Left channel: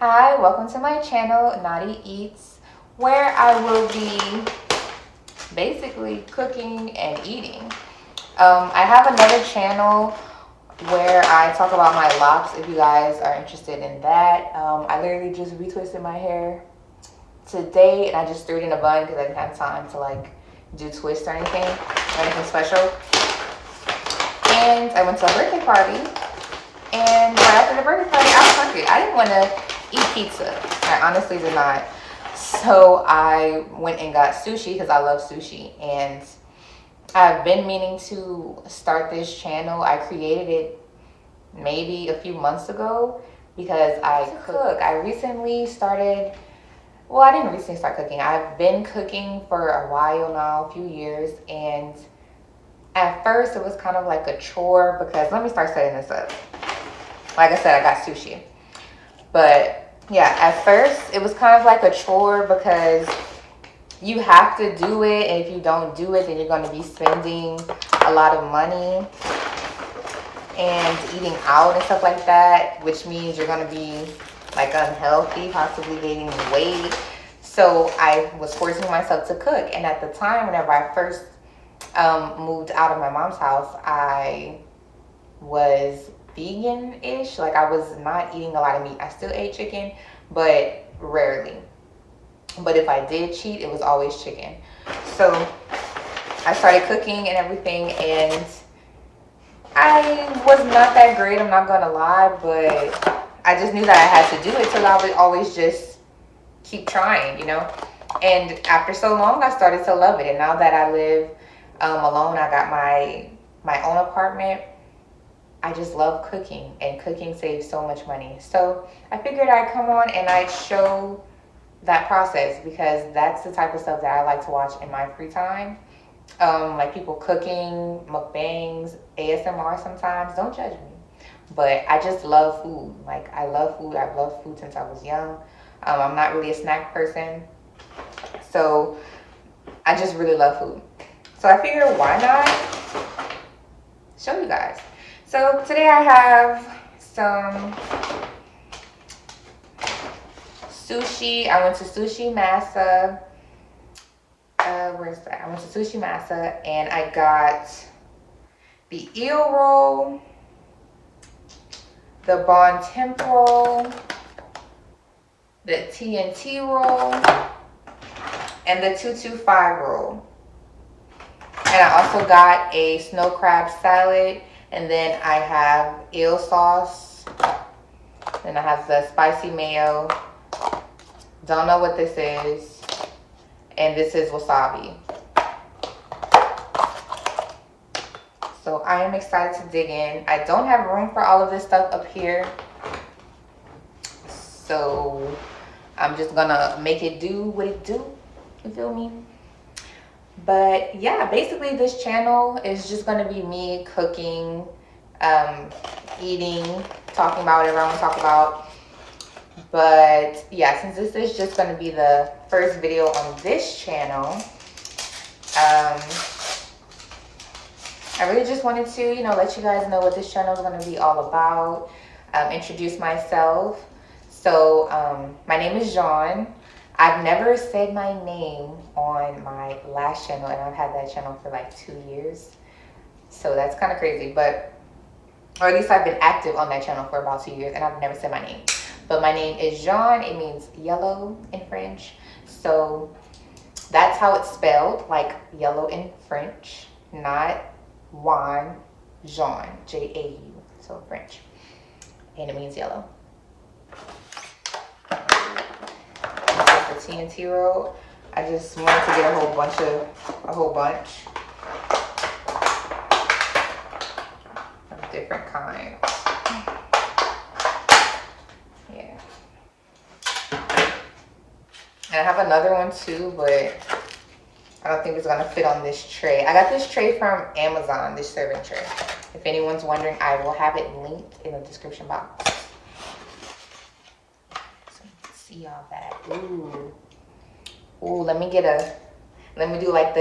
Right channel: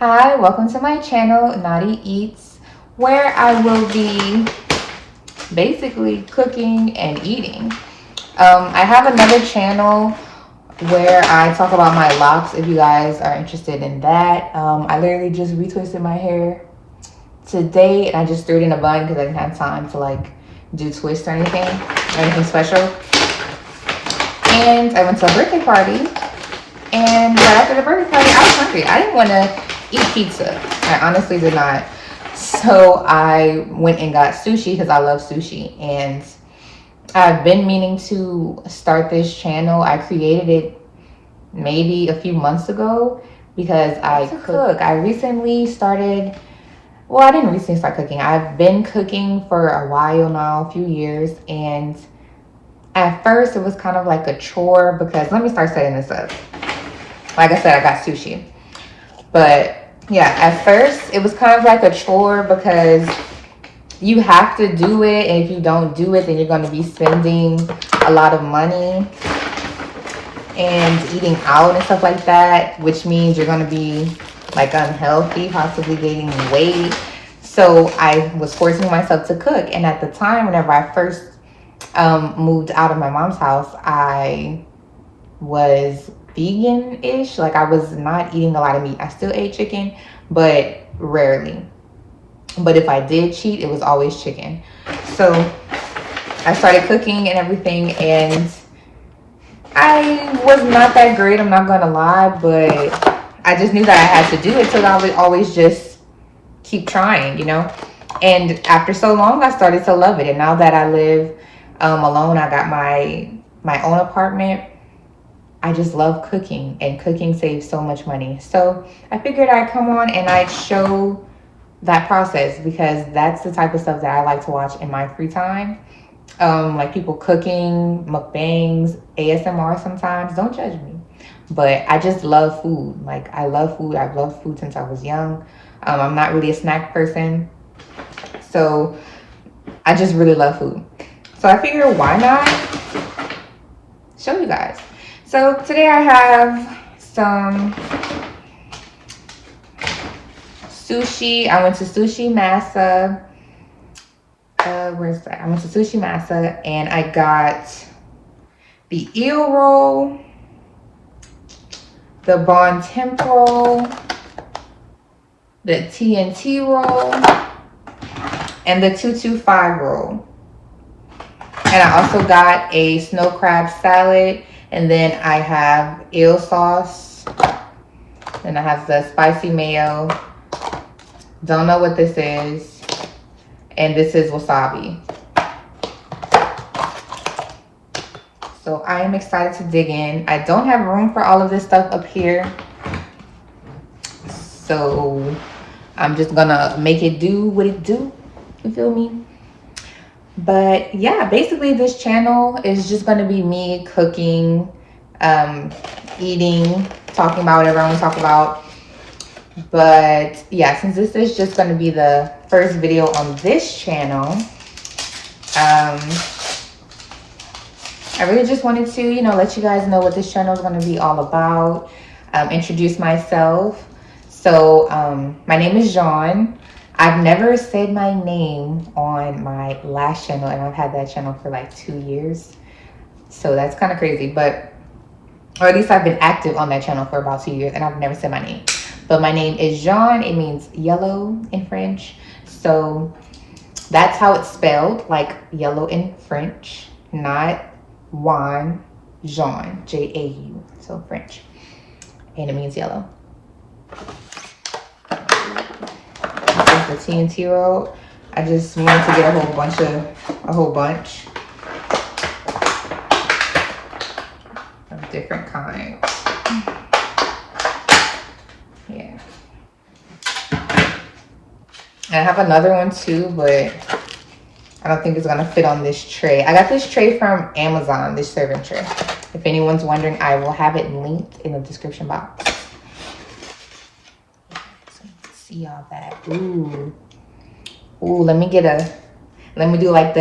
Hi, welcome to my channel, Knotty Eats, where I will be basically cooking and eating. I have another channel where I talk about my locks if you guys are interested in that. I literally just retwisted my hair today and I just threw it in a bun because I didn't have time to like do twists or anything special. And I went to a birthday party, and right after the birthday party, I was hungry. I didn't want to eat pizza. I honestly did not. So I went and got sushi because I love sushi. And I've been meaning to start this channel. I created it maybe a few months ago because I cook. I recently started, well, I didn't recently start cooking. I've been cooking for a while now, a few years. And at first it was kind of like a chore because, let me start setting this up. Like I said, I got sushi. But yeah, at first it was kind of like a chore because you have to do it. And if you don't do it, then you're going to be spending a lot of money and eating out and stuff like that, which means you're going to be like unhealthy, possibly gaining weight. So I was forcing myself to cook. And at the time, whenever I first moved out of my mom's house, I was vegan-ish. Like I was not eating a lot of meat. I still ate chicken, but rarely. But if I did cheat, it was always chicken. So I started cooking and everything, and I was not that great, I'm not gonna lie, but I just knew that I had to do it, so I would always just keep trying, you know. And after so long, I started to love it. And now that I live alone, I got my own apartment, I just love cooking, and cooking saves so much money. So I figured I'd come on and I'd show that process because that's the type of stuff that I like to watch in my free time. Like people cooking, mukbangs, ASMR sometimes. Don't judge me. But I just love food. Like I love food. I've loved food since I was young. I'm not really a snack person. So I just really love food. So I figured why not show you guys. So today I have some sushi. I went to Sushi Masa. Where's that? I went to Sushi Masa and I got the eel roll, the bon temple, the TNT roll, and the 225 roll. And I also got a snow crab salad. And then I have eel sauce. And I have the spicy mayo. Don't know what this is. And this is wasabi. So I am excited to dig in. I don't have room for all of this stuff up here. So I'm just gonna make it do what it do. You feel me? But yeah, basically this channel is just going to be me cooking, eating, talking about whatever I want to talk about. But yeah, since this is just going to be the first video on this channel, I really just wanted to, you know, let you guys know what this channel is going to be all about, introduce myself. So my name is Jean. I've never said my name on my last channel, and I've had that channel for like 2 years. So that's kind of crazy, but, or at least I've been active on that channel for about 2 years, and I've never said my name. But my name is Jean. It means yellow in French. So that's how it's spelled, like yellow in French, not Juan, Jean, J-A-U, so French. And it means yellow. The TNT roll. I just wanted to get a whole bunch of different kinds. Yeah. And I have another one too, but I don't think it's gonna fit on this tray. I got this tray from Amazon, this serving tray. If anyone's wondering, I will have it linked in the description box. See all that. Ooh, let me do like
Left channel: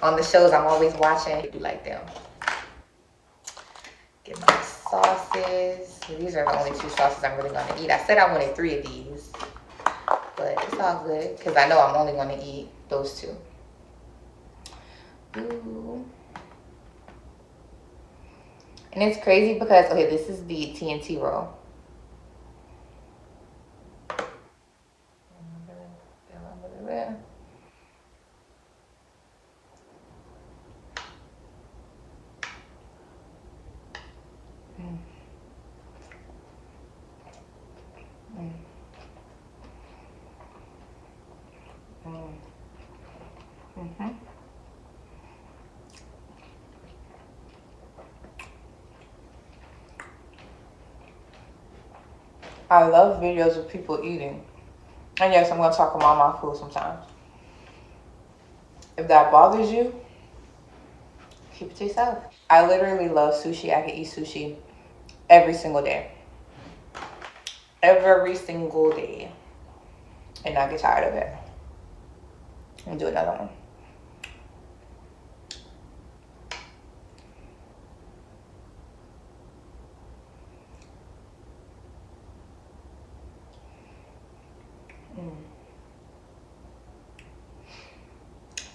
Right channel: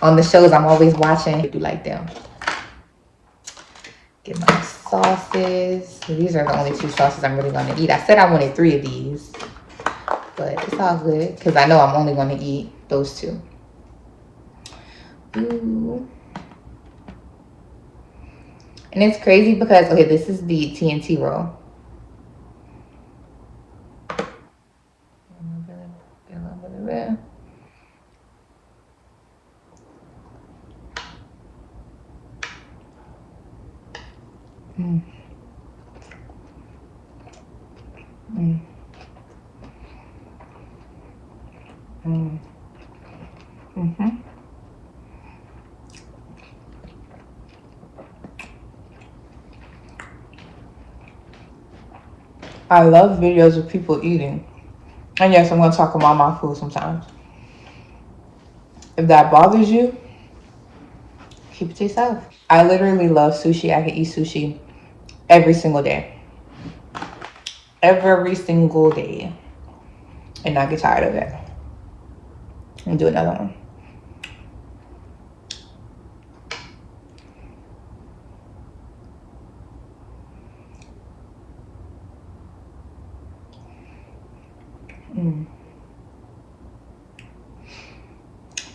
on the shows I'm always watching, do like them. Get my sauces. These are the only 2 sauces I'm really gonna eat. I said I wanted 3 of these, but it's all good because I know I'm only gonna eat those 2. Ooh. And it's crazy because, okay, this is the TNT roll. Mm. Mm. Mm. Mm-hmm. I love videos of people eating. And yes, I'm going to talk about my food sometimes. If that bothers you, keep it to yourself. I literally love sushi. I can eat sushi every single day. Every single day. And not get tired of it. And do another one. Mm.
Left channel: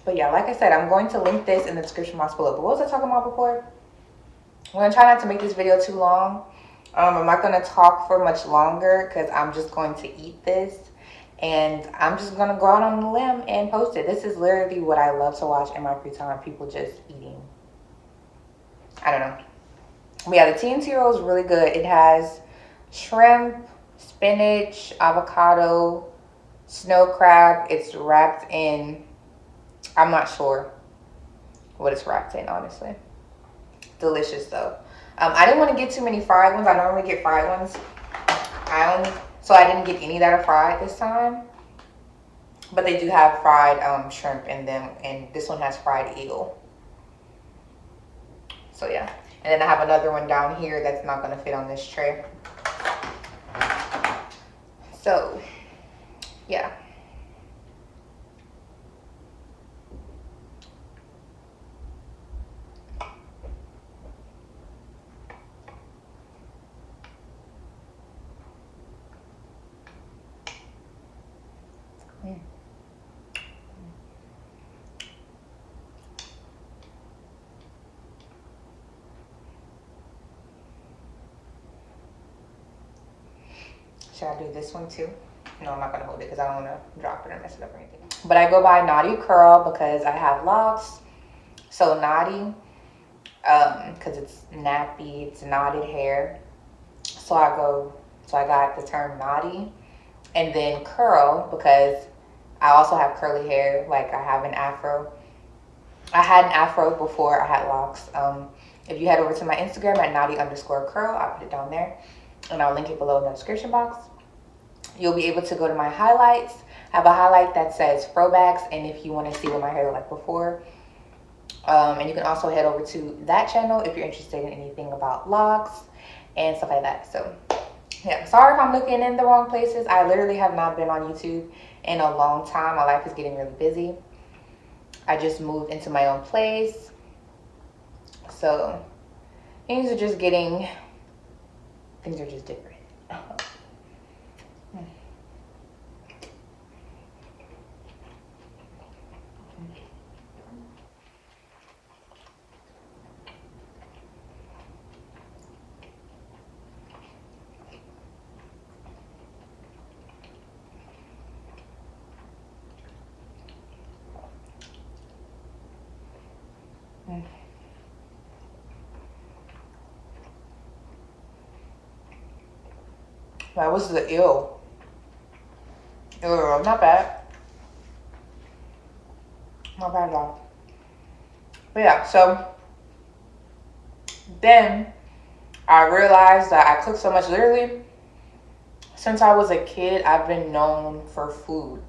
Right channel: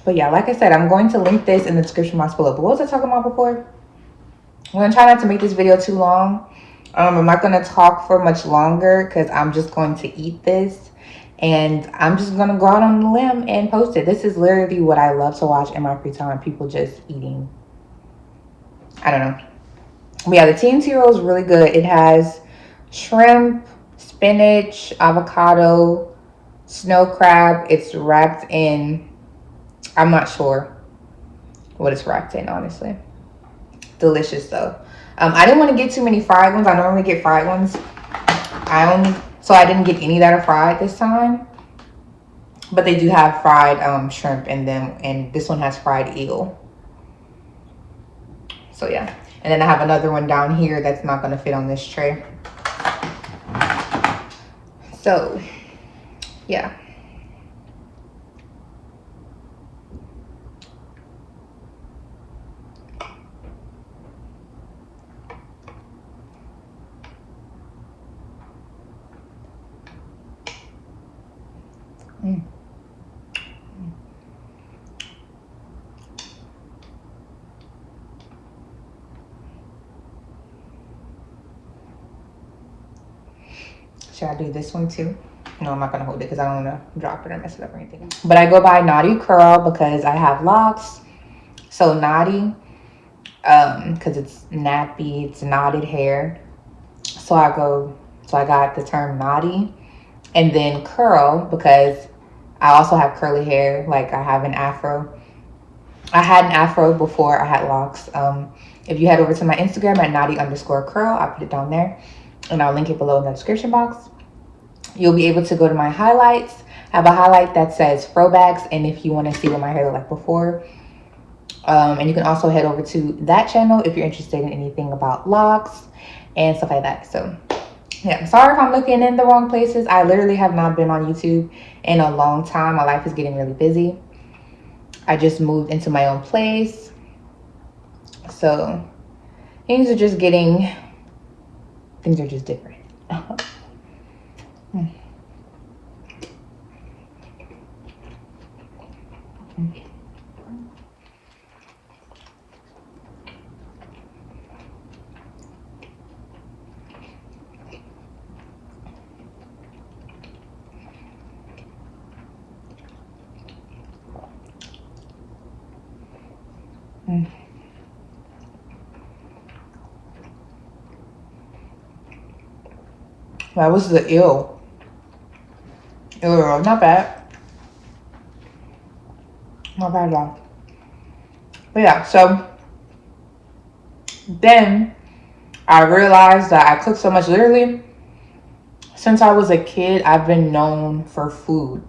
But yeah, like I said, I'm going to link this in the description box below. But what was I talking about before? I'm going to try not to make this video too long. I'm not going to talk for much longer because I'm just going to eat this. And I'm just going to go out on the limb and post it. This is literally what I love to watch in my free time. People just eating. I don't know. But yeah, the TNT roll is really good. It has shrimp, spinach, avocado, snow crab. It's wrapped in, I'm not sure what it's wrapped in, honestly. Delicious though. I didn't want to get too many fried ones. I normally get fried ones. So I didn't get any that are fried this time. But they do have fried shrimp in them, and this one has fried eel. So yeah. And then I have another one down here that's not going to fit on this tray. So yeah. Mm. Should I do this one too? No, I'm not going to hold it because I don't want to drop it or mess it up or anything. But I go by Knotty CurL because I have locks. So Knotty, because it's nappy, it's knotted hair. So I got the term Knotty. And then CurL because I also have curly hair. Like I have an afro. I had an afro before I had locks. If you head over to my Instagram at Knotty_CurL, I'll put it down there. And I'll link it below in the description box. You'll be able to go to my highlights. I have a highlight that says throwbacks, and if you want to see what my hair looked like before. And you can also head over to that channel if you're interested in anything about locks and stuff like that. So yeah, I'm sorry if I'm looking in the wrong places. I literally have not been on YouTube in a long time. My life is getting really busy. I just moved into my own place. So things are just different. That was the eel. Not bad. Not bad at all. But yeah, so then I realized that I cook so much. Literally, since I was a kid, I've been known for food.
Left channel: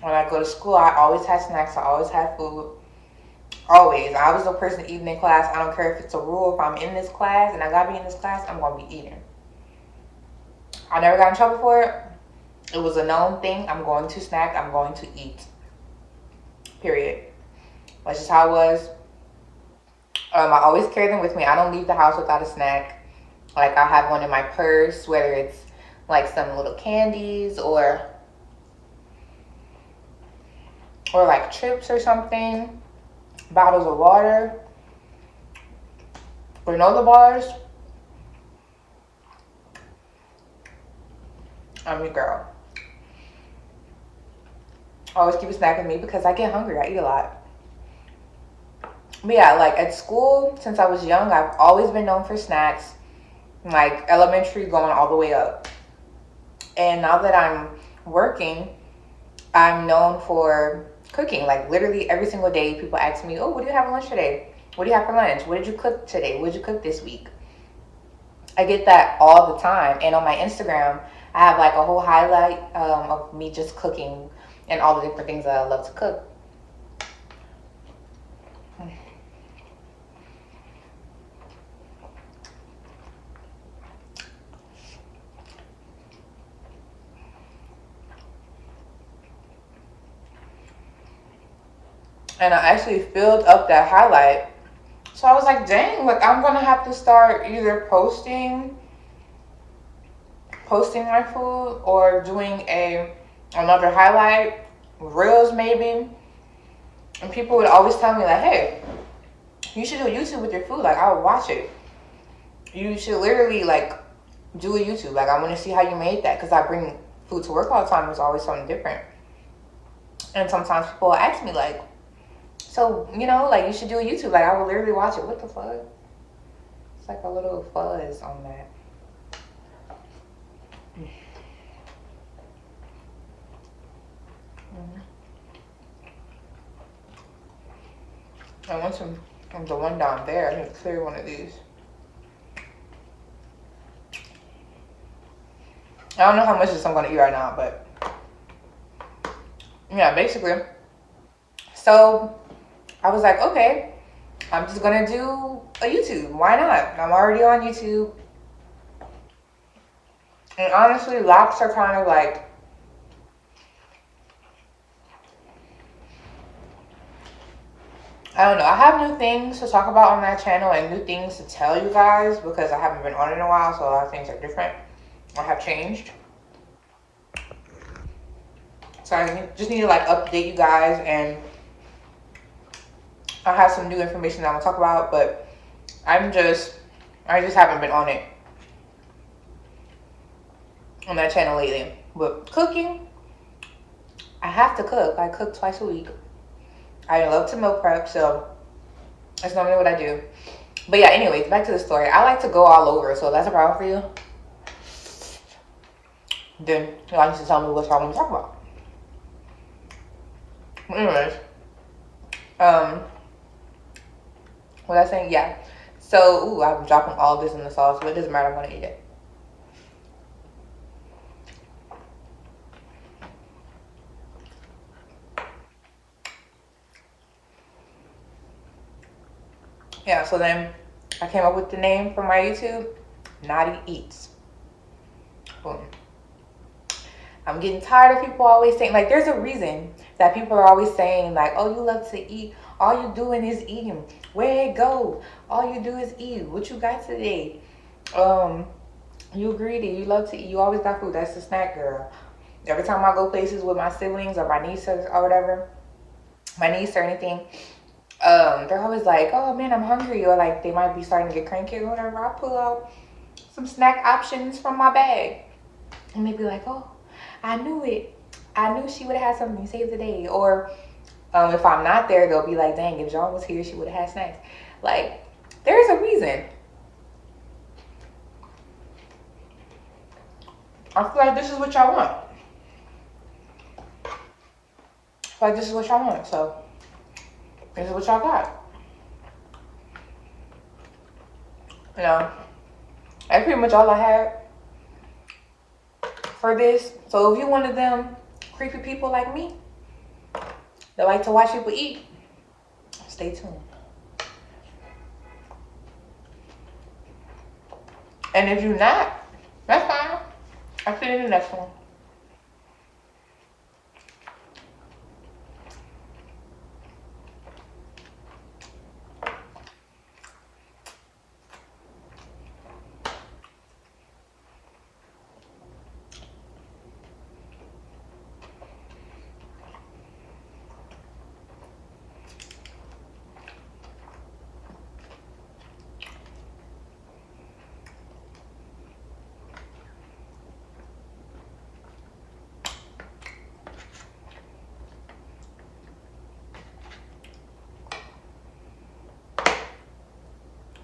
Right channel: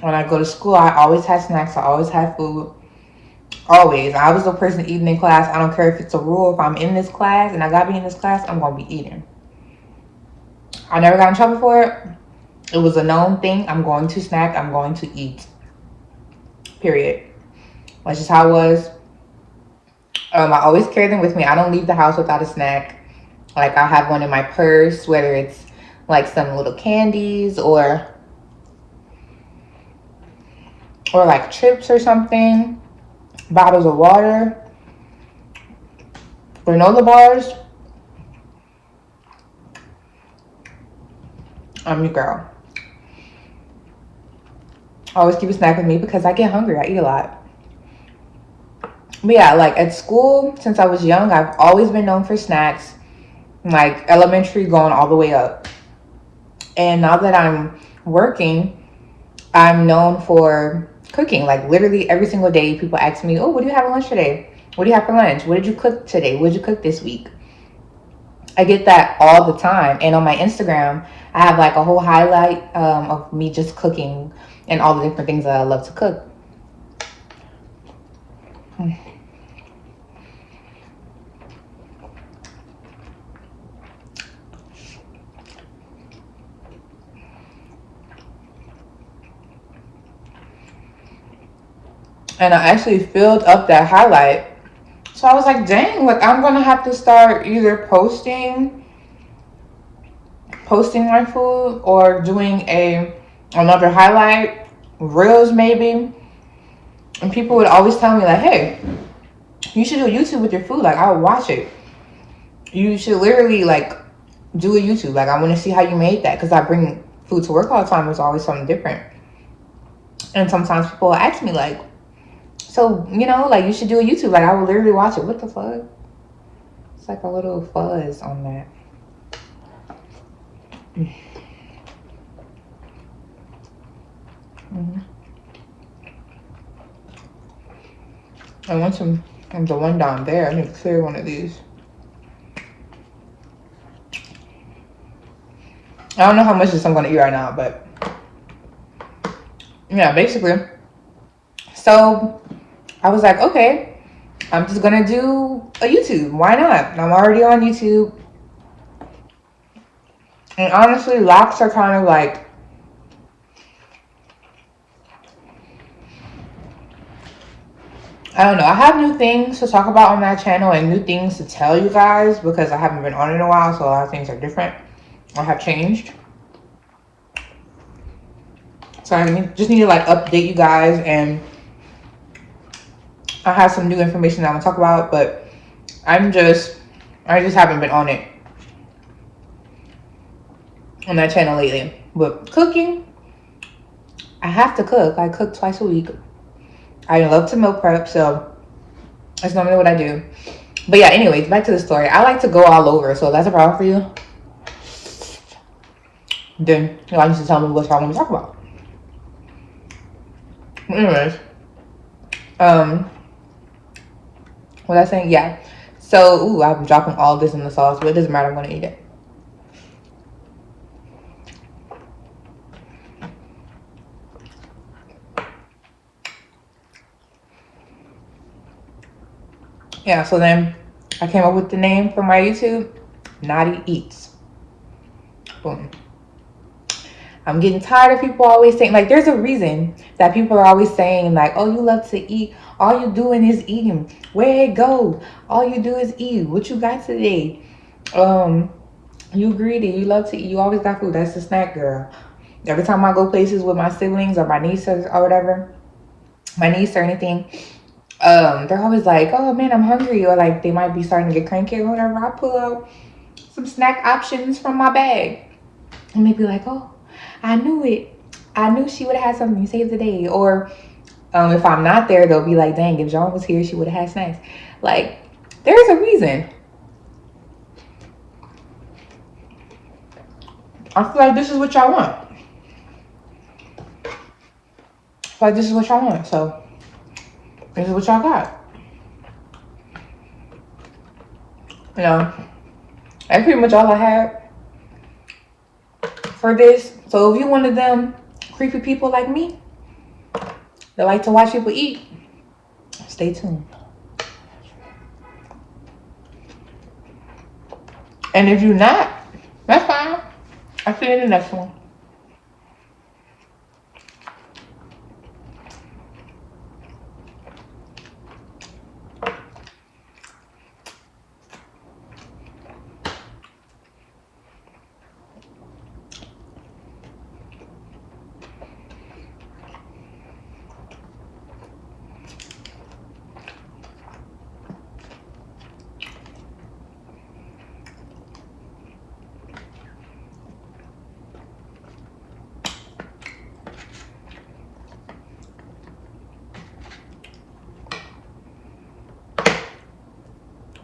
When I go to school, I always had snacks. I always had food. Always. I was the person eating in class. I don't care if it's a rule. If I'm in this class and I gotta be in this class, I'm gonna be eating. I never got in trouble for it. It was a known thing. I'm going to snack. I'm going to eat. Period. That's just how it was. I always carry them with me. I don't leave the house without a snack. Like I have one in my purse, whether it's like some little candies or like chips or something, bottles of water, granola bars. I'm your girl. I always keep a snack with me because I get hungry. I eat a lot. But yeah, like at school, since I was young, I've always been known for snacks, like elementary going all the way up. And now that I'm working, I'm known for cooking. Like literally every single day, people ask me, oh, what do you have for lunch today? What do you have for lunch? What did you cook today? What did you cook this week? I get that all the time. And on my Instagram, I have like a whole highlight of me just cooking and all the different things that I love to cook. And I actually filled up that highlight. So I was like, dang, like I'm gonna have to start either posting my food or doing another highlight, reels maybe. And people would always tell me like, hey, you should do a YouTube with your food. Like I would watch it. You should literally like do a YouTube. Like I want to see how you made that, because I bring food to work all the time. It's always something different. And sometimes people will ask me like, so, you know, like you should do a YouTube. Like I would literally watch it. What the fuck? It's like a little fuzz on that. I want some of the one down there. I need to clear one of these. I don't know how much of this I'm gonna eat right now, but yeah, basically. So I was like, okay, I'm just gonna do a YouTube. Why not? I'm already on YouTube. And honestly, locs are kind of like, I don't know. I have new things to talk about on that channel and new things to tell you guys because I haven't been on in a while, so a lot of things are different or have changed. So I just need to like update you guys, and I have some new information that I'm gonna talk about, but I just haven't been on it on that channel lately. But cooking, I have to cook. I cook twice a week. I love to meal prep, so that's normally what I do. But yeah, anyways, back to the story. I like to go all over, so if that's a problem for you, then y'all need to tell me what y'all want to talk about. Anyways, what was I saying? Yeah. So, ooh, I'm dropping all this in the sauce, but it doesn't matter. I'm gonna eat it. Yeah. So then, I came up with the name for my YouTube, Knotty Eats. Boom. I'm getting tired of people always saying, like, there's a reason that people are always saying, like, oh, you love to eat. All you doing is eating. Where it go? All you do is eat. What you got today? You greedy. You love to eat. You always got food. That's the snack girl. Every time I go places with my siblings or my nieces or whatever, my niece or anything, they're always like, oh man, I'm hungry. Or like they might be starting to get cranky or whatever. I pull out some snack options from my bag. And they be like, oh, I knew it. I knew she would have had something to save the day. Or if I'm not there, they'll be like, dang, if John was here, she would have had snacks. Like, there's a reason. I feel like this is what y'all want. I feel like this is what y'all want. So, this is what y'all got. You know, that's pretty much all I had for this. So, if you're one of them creepy people like me that like to watch people eat, stay tuned. And if you're not, that's fine. I'll see you in the next one.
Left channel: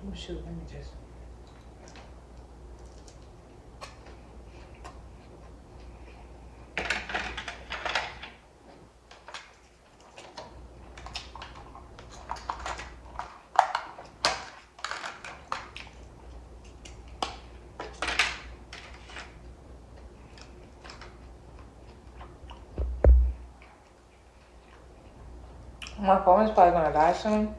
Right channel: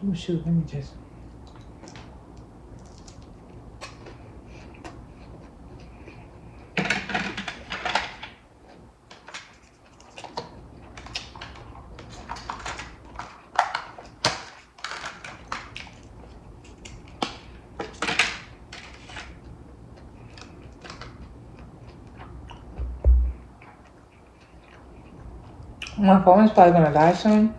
Oh shoot, let me just. My phone is probably gonna die soon.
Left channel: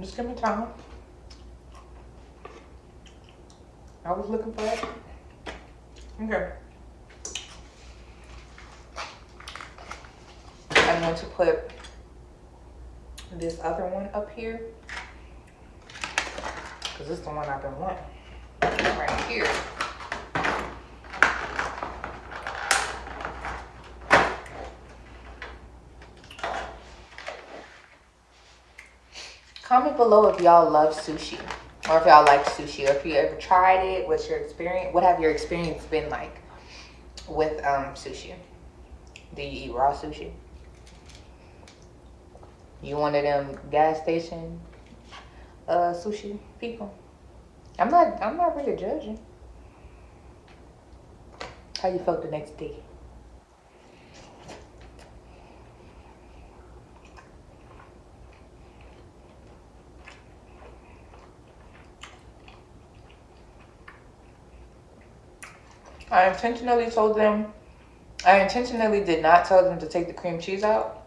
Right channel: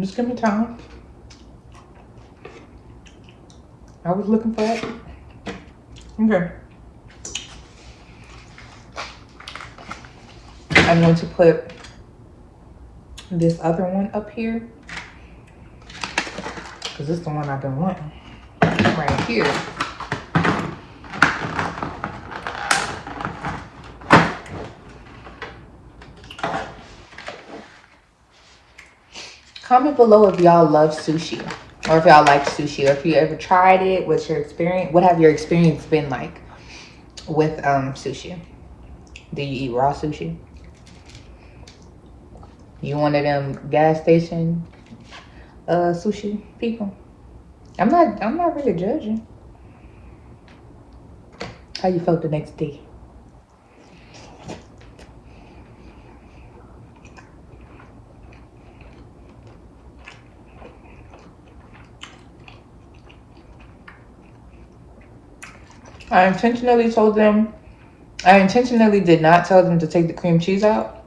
Just give me time. I was looking for it. Okay. I'm going to put this other one up here because it's the one I've been wanting right here. Comment below if y'all love sushi or if y'all like sushi or if you ever tried it. What's your experience? What have your experience been like with sushi? Do you eat raw sushi? You one of them gas station sushi people? I'm not really judging. How you felt the next day? I intentionally did not tell them to take the cream cheese out.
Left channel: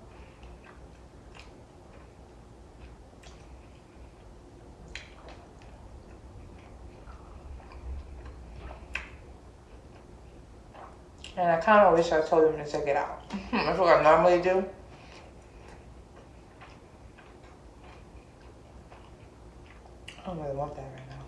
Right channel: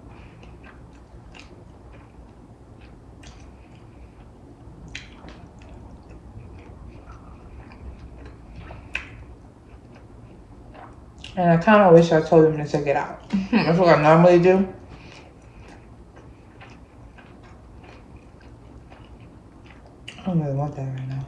And I kind of wish I told them to take it out. That's what I normally do. I don't really want that right now.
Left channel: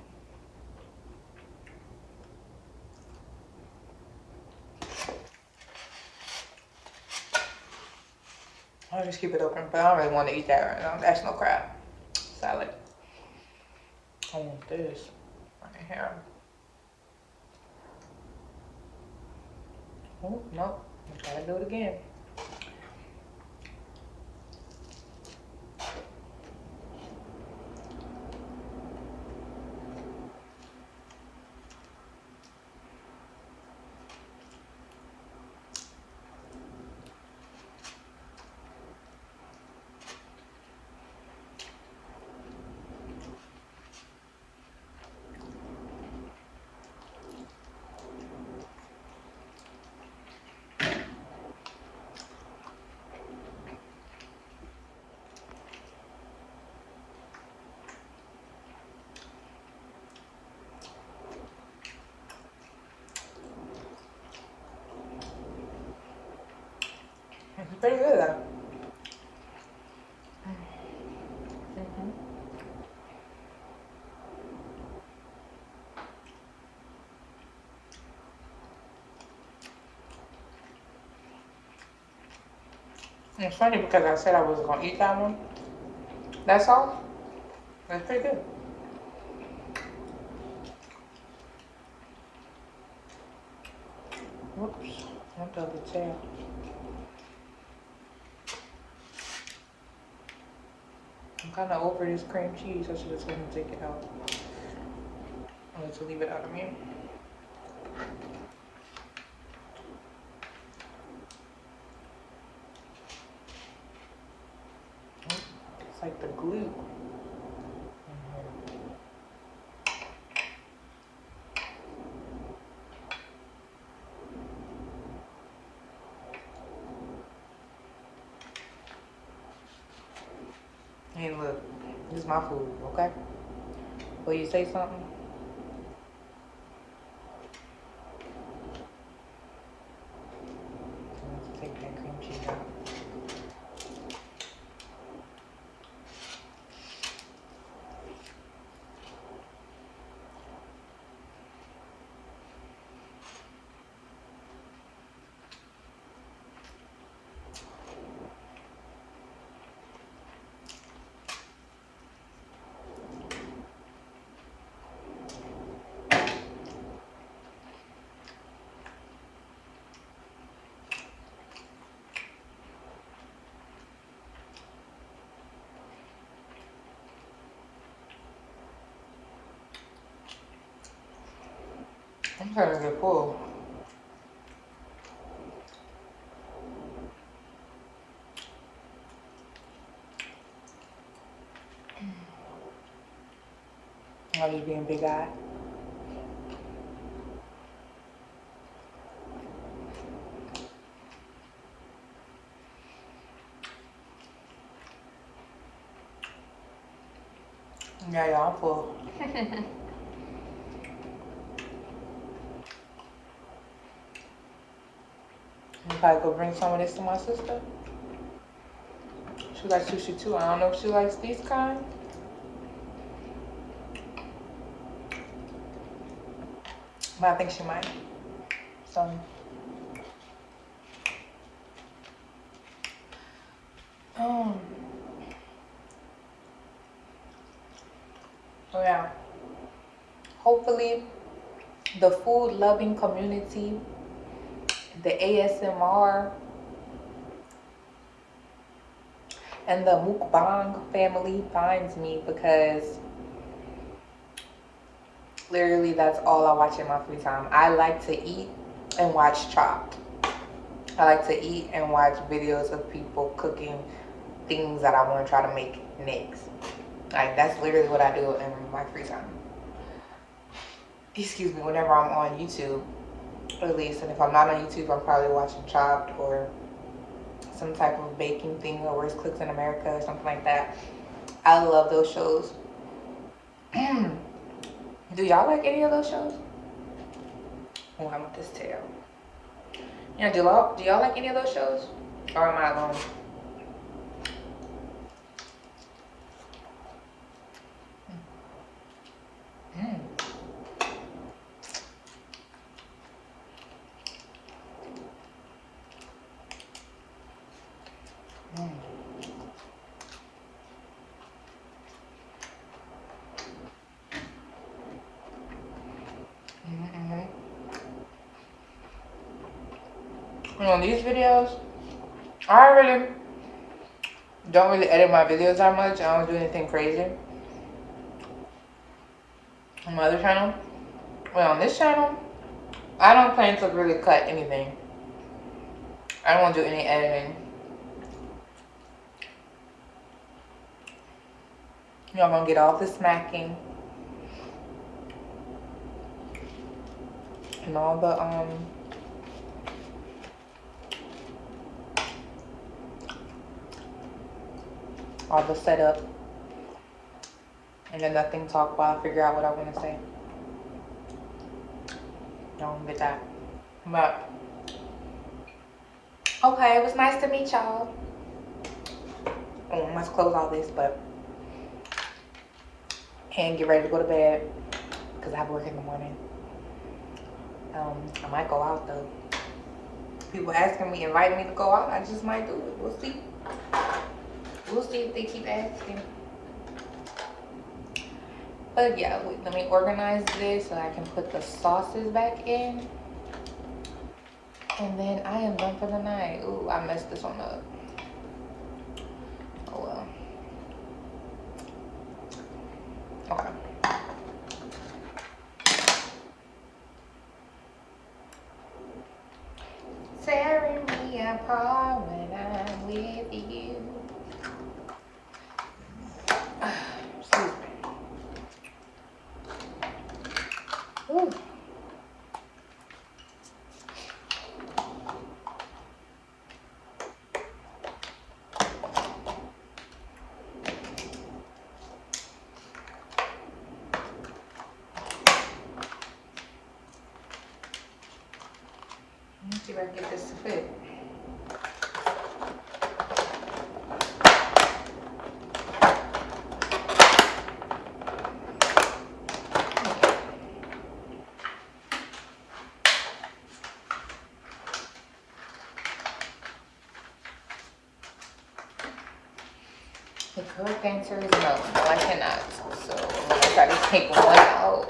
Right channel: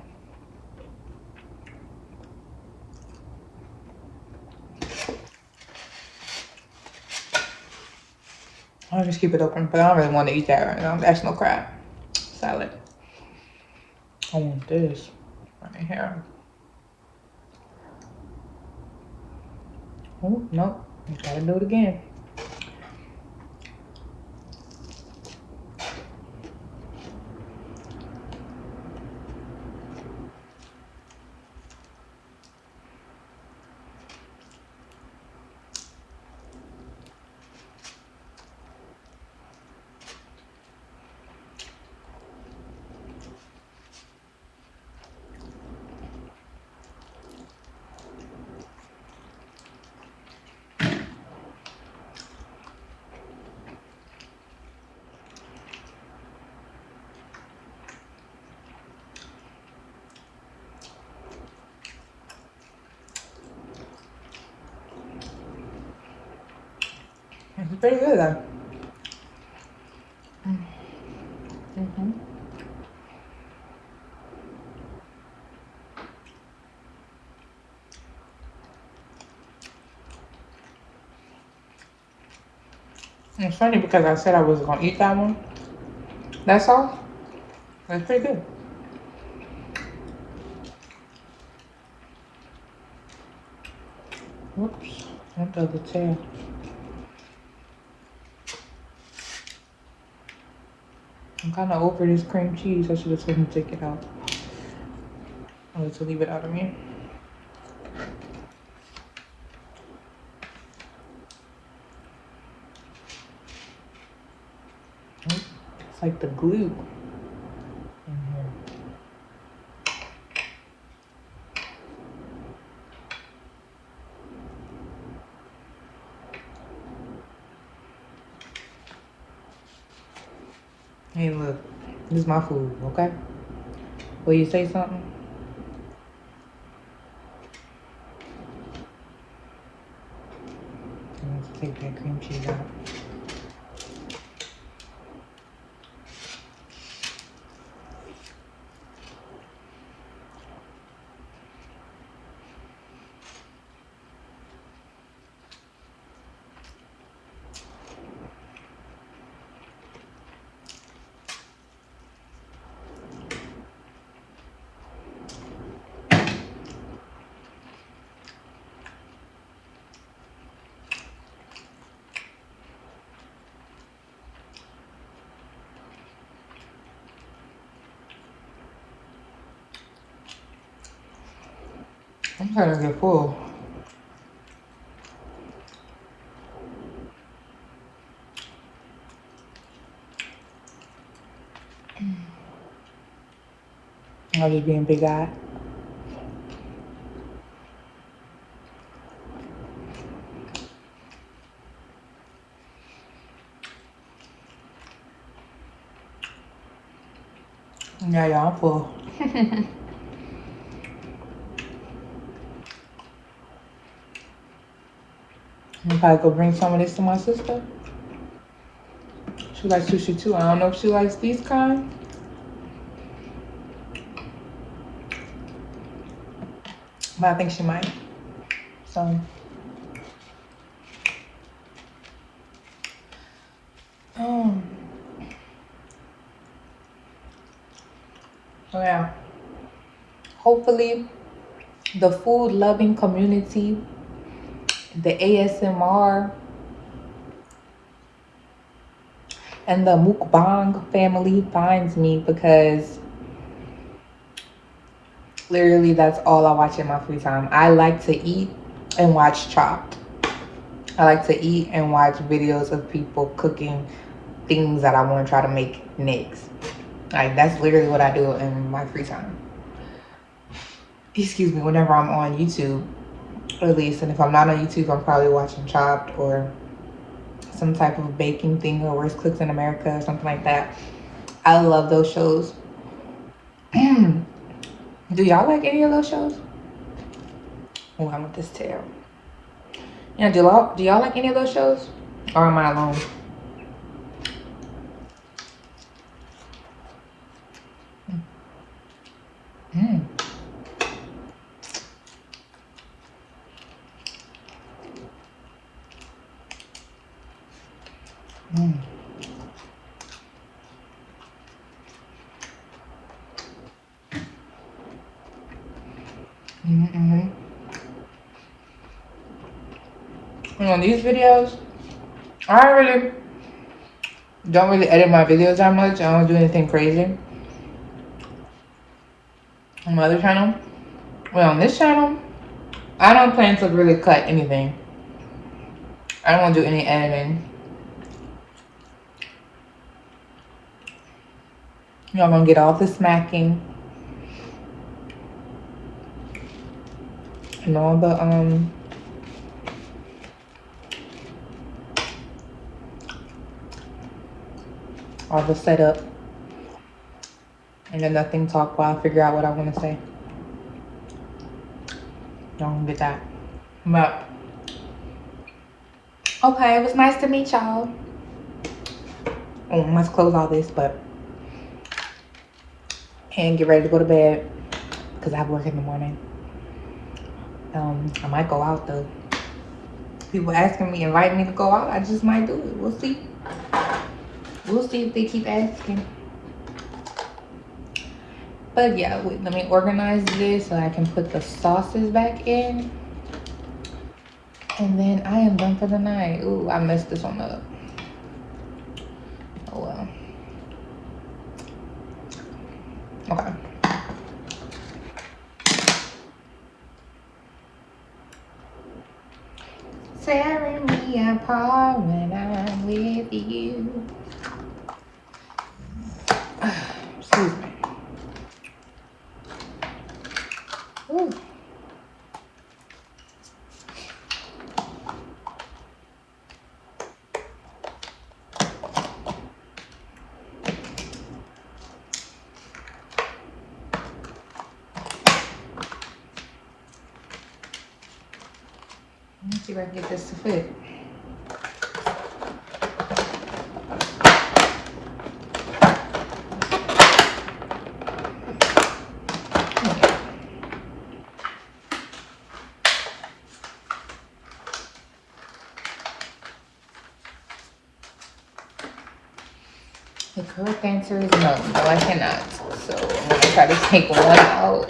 I'll just keep it open, but I don't really want to eat that right now. That's no crab salad. I want this right here. Oh, no. Gotta do it again. It's pretty good though. Mm-hmm. It's funny because I said I wasn't gonna eat that one. That's all. It's pretty good. Whoops. Not the other tail. I'm kind of over this cream cheese. I should have told him to take it out. Or to leave it out of me. It's like the glue in here. Hey, look. This is my food, okay? Will you say something? I'm going to take that cream cheese out. I'm trying to get full. I'm just being big-eyed. Yeah, y'all, I'm full. I'm probably go bring some of this to my sister. She likes sushi too. I don't know if she likes these kind, but I think she might. So, so yeah. Hopefully, the food-loving community, the ASMR, and the mukbang family finds me, because literally that's all I watch in my free time. I like to eat and watch Chopped. I like to eat and watch videos of people cooking things that I want to try to make next. Like, that's literally what I do in my free time. Excuse me, whenever I'm on YouTube, at least. And if I'm not on YouTube, I'm probably watching Chopped or some type of baking thing, or Worst Cooks in America or something like that. I love those shows. Do y'all like any of those shows? Oh, I want this tail. Yeah, do y'all like any of those shows? Or am I alone? Mm. Mm. Mm-hmm. And on these videos, I don't really edit my videos that much. I don't do anything crazy. On my other channel, well, on this channel, I don't plan to really cut anything. I don't want to do any editing. Y'all gonna get all the smacking and all the setup, and then nothing talk while I figure out what I want to say. Y'all gonna get that. But okay, it was nice to meet y'all. Oh, let's close all this, but and get ready to go to bed because I have work in the morning. I might go out though. People asking me, invite me to go out. I just might do it. We'll see. We'll see if they keep asking. But yeah, wait, let me organize this so I can put the sauces back in. And then I am done for the night. Ooh, I messed this one up. Oh well. Okay. Tearing me apart when I'm with you. Excuse me. Ooh. Let's see if I can get this to fit. The correct answer is no. No, I cannot. So I'm gonna try to take one out.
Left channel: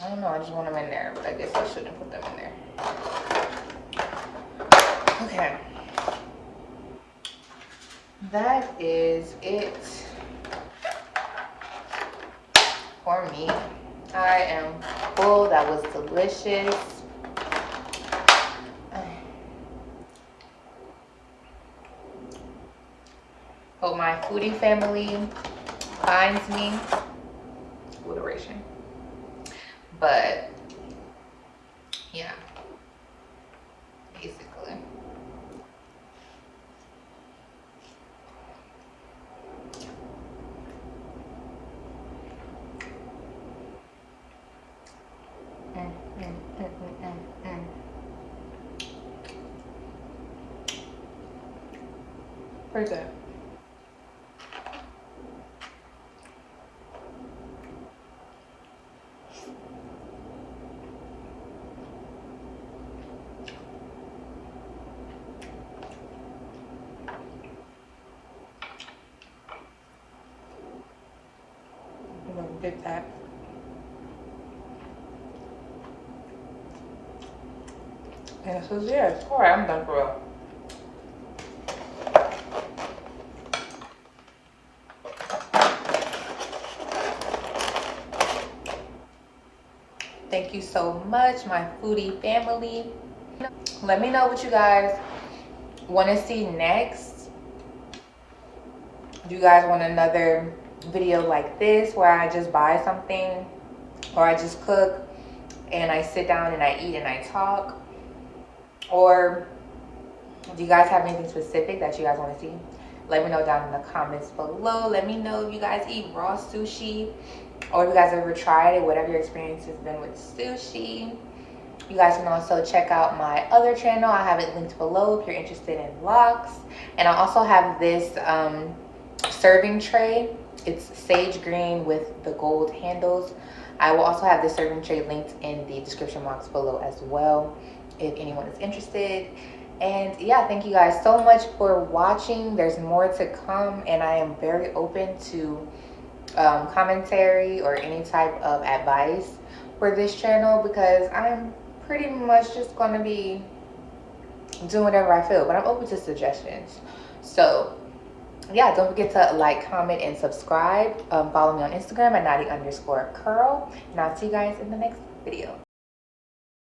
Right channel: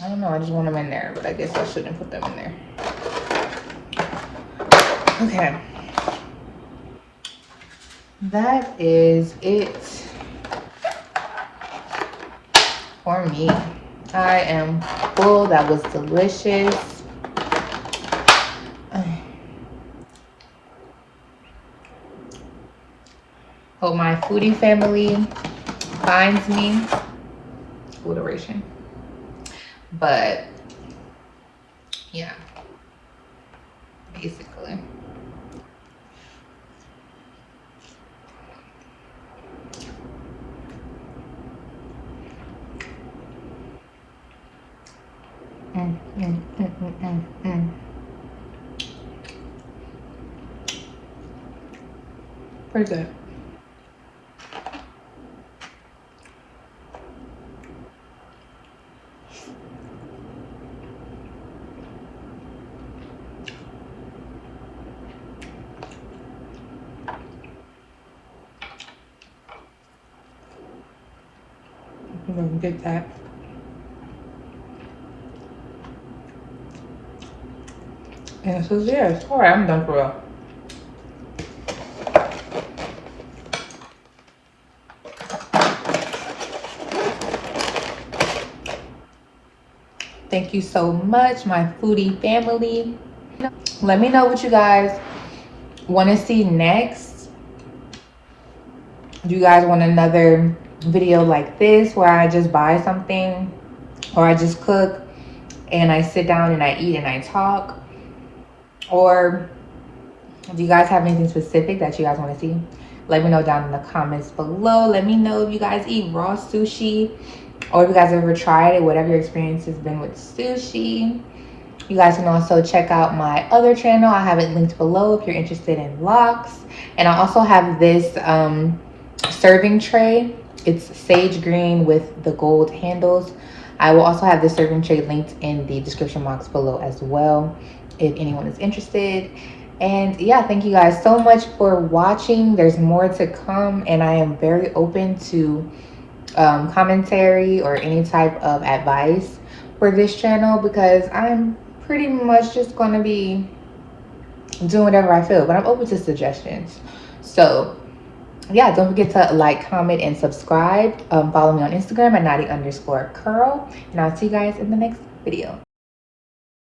I don't know, I just want them in there, but I guess I shouldn't put them in there. Okay. That is it for me. I am full. That was delicious. Hope my foodie family finds me. Alliteration. But yeah, basically. Pretty good. I'm gonna get that. And this is yours. All right, I'm done for real. Thank you so much, my foodie family. Let me know what you guys want to see next. Do you guys want another video like this where I just buy something or I just cook and I sit down and I eat and I talk? Or do you guys have anything specific that you guys want to see? Let me know down in the comments below. Let me know if you guys eat raw sushi or if you guys ever tried it, whatever your experience has been with sushi. You guys can also check out my other channel. I have it linked below if you're interested in locs. And I also have this serving tray. It's sage green with the gold handles. I will also have this serving tray linked in the description box below as well if anyone is interested. And yeah, thank you guys so much for watching. There's more to come, and I am very open to commentary or any type of advice for this channel, because I'm pretty much just going to be doing whatever I feel, but I'm open to suggestions. So yeah, don't forget to like, comment, and subscribe. Follow me on Instagram at Knotty_CurL, and I'll see you guys in the next video.